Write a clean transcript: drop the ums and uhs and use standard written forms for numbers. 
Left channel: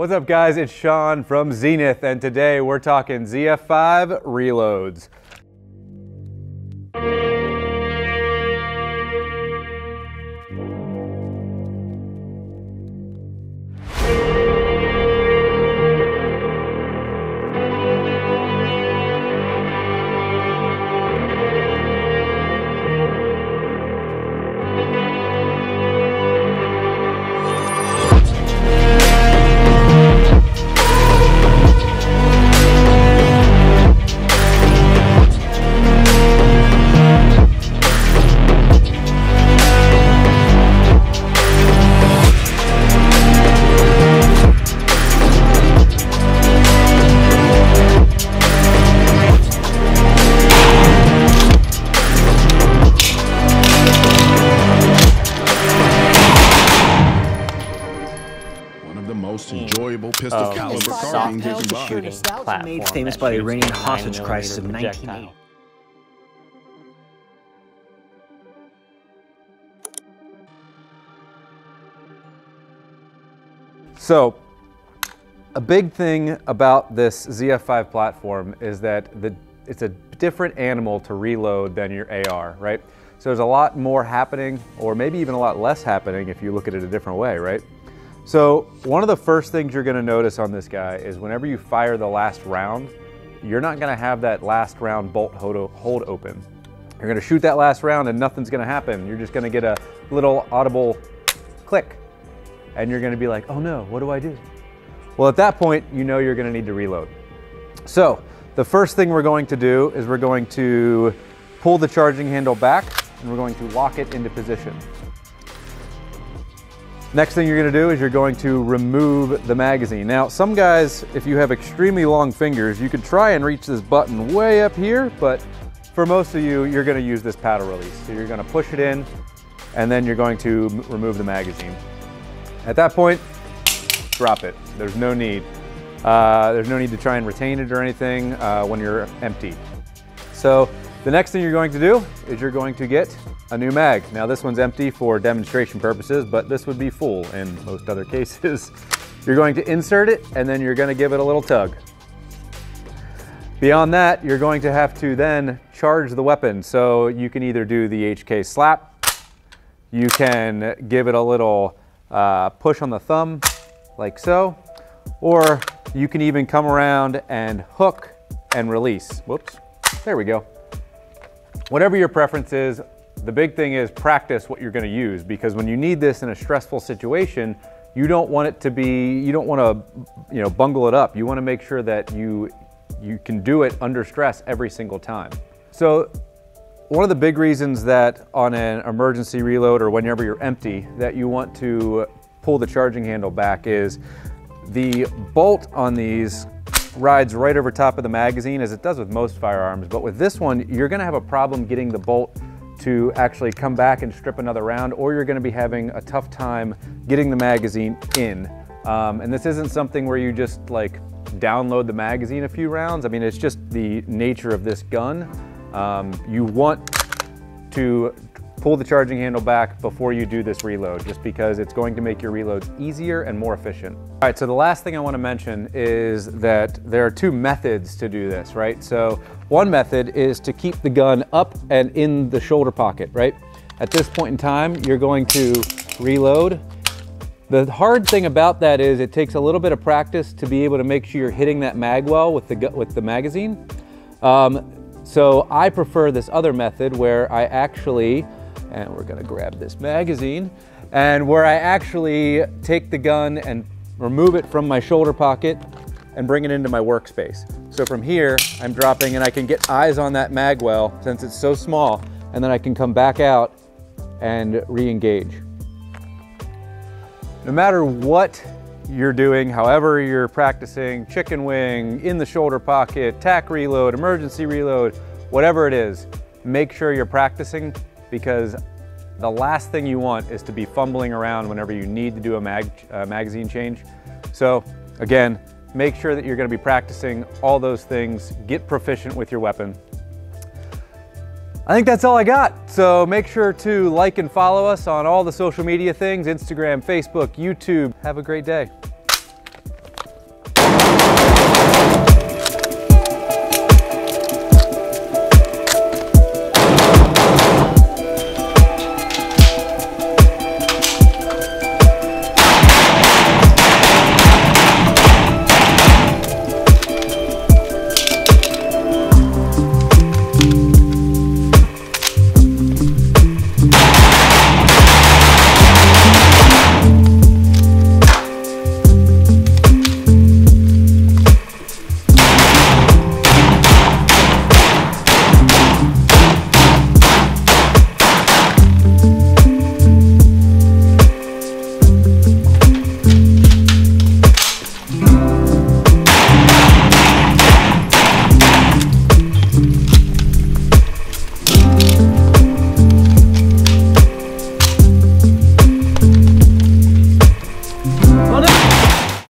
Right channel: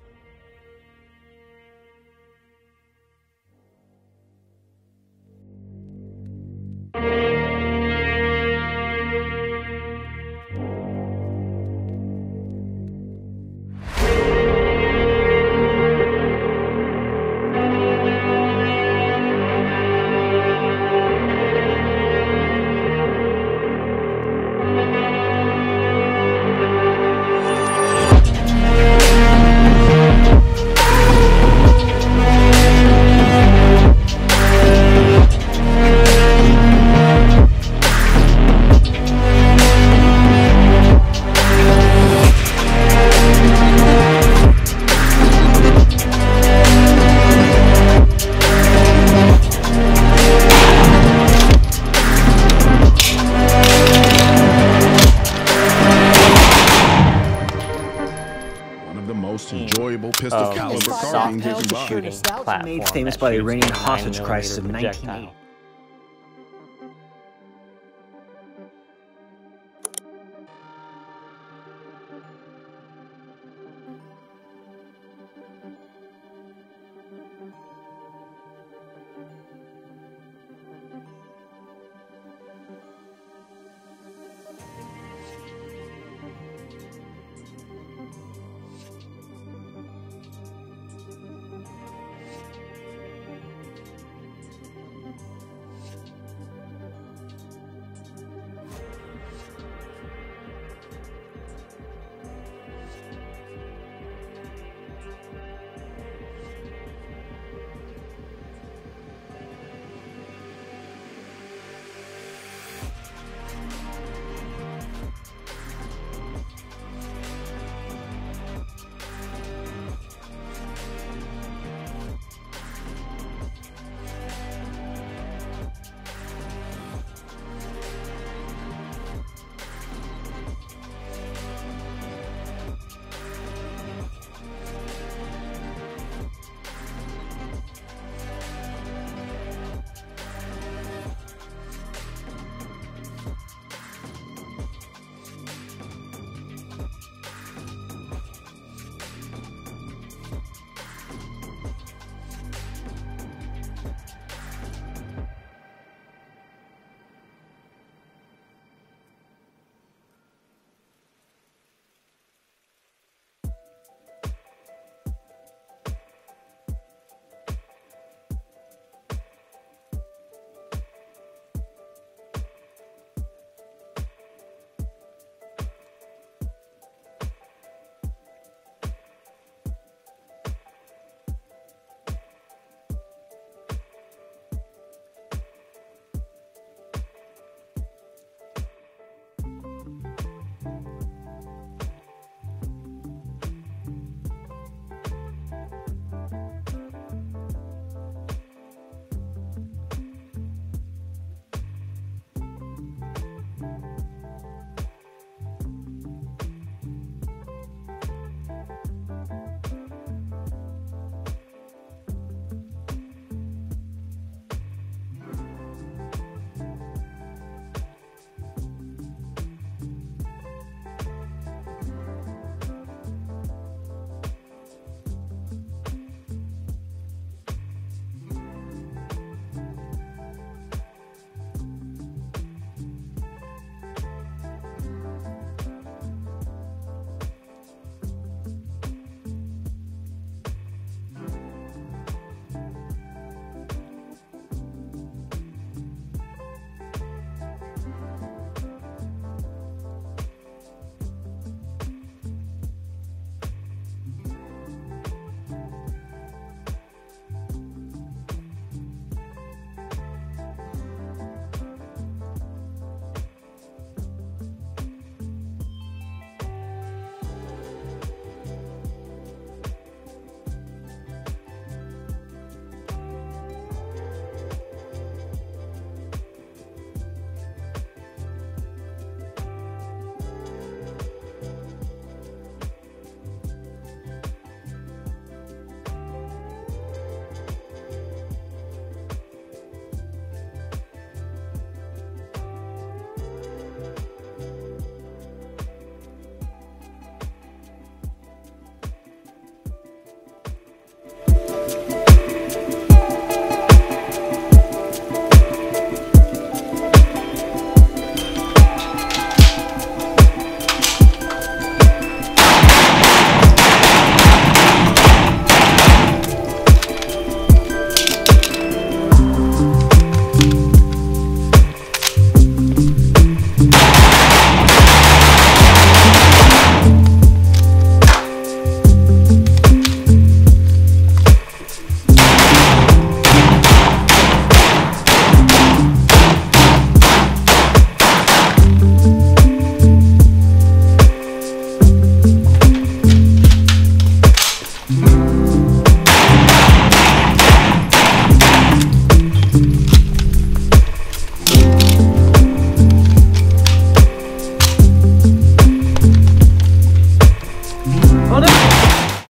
What's up guys, it's Shaun from Zenith, and today we're talking ZF5 reloads. Enjoyable pistol caliber carbine you can buy. Platform made famous by the Iranian hostage crisis of 1980. So, a big thing about this ZF5 platform is that it's a different animal to reload than your AR, right? So there's a lot more happening, or maybe even a lot less happening if you look at it a different way, right? So one of the first things you're gonna notice on this guy is whenever you fire the last round, you're not gonna have that last round bolt hold open. You're gonna shoot that last round and nothing's gonna happen. You're just gonna get a little audible click and you're gonna be like, oh no, what do I do? Well, at that point, you know you're gonna need to reload. So the first thing we're going to do is we're going to pull the charging handle back and we're going to lock it into position. Next thing you're gonna do is you're going to remove the magazine. Now, some guys, if you have extremely long fingers, you could try and reach this button way up here, but for most of you, you're gonna use this paddle release. So you're gonna push it in, and then you're going to remove the magazine. At that point, drop it. There's no need. There's no need to try and retain it or anything when you're empty. So the next thing you're going to do is you're going to get a new mag. Now this one's empty for demonstration purposes, but this would be full in most other cases. You're going to insert it and then you're going to give it a little tug. Beyond that, you're going to have to then charge the weapon. So you can either do the HK slap, you can give it a little push on the thumb like so, or you can even come around and hook and release. Whoops, there we go. Whatever your preference is, the big thing is practice what you're going to use, because when you need this in a stressful situation, you don't want it to be, you don't want to, bungle it up. You want to make sure that you can do it under stress every single time. So one of the big reasons that on an emergency reload or whenever you're empty that you want to pull the charging handle back is the bolt on these rides right over top of the magazine, as it does with most firearms, but with this one, you're gonna have a problem getting the bolt to actually come back and strip another round, or you're gonna be having a tough time getting the magazine in. And this isn't something where you just like download the magazine a few rounds. I mean, it's just the nature of this gun. You want to pull the charging handle back before you do this reload, just because it's going to make your reloads easier and more efficient. All right, so the last thing I want to mention is that there are two methods to do this, right? So one method is to keep the gun up and in the shoulder pocket, right? At this point in time, you're going to reload. The hard thing about that is it takes a little bit of practice to be able to make sure you're hitting that mag well with the magazine. So I prefer this other method where I actually, and we're gonna grab this magazine, and where I actually take the gun and remove it from my shoulder pocket and bring it into my workspace. So from here, I'm dropping and I can get eyes on that mag well since it's so small, and then I can come back out and re-engage. No matter what you're doing, however you're practicing, chicken wing, in the shoulder pocket, tack reload, emergency reload, whatever it is, make sure you're practicing, because the last thing you want is to be fumbling around whenever you need to do a magazine change. So again, make sure that you're going to be practicing all those things, get proficient with your weapon. I think that's all I got. So make sure to like and follow us on all the social media things, Instagram, Facebook, YouTube. Have a great day.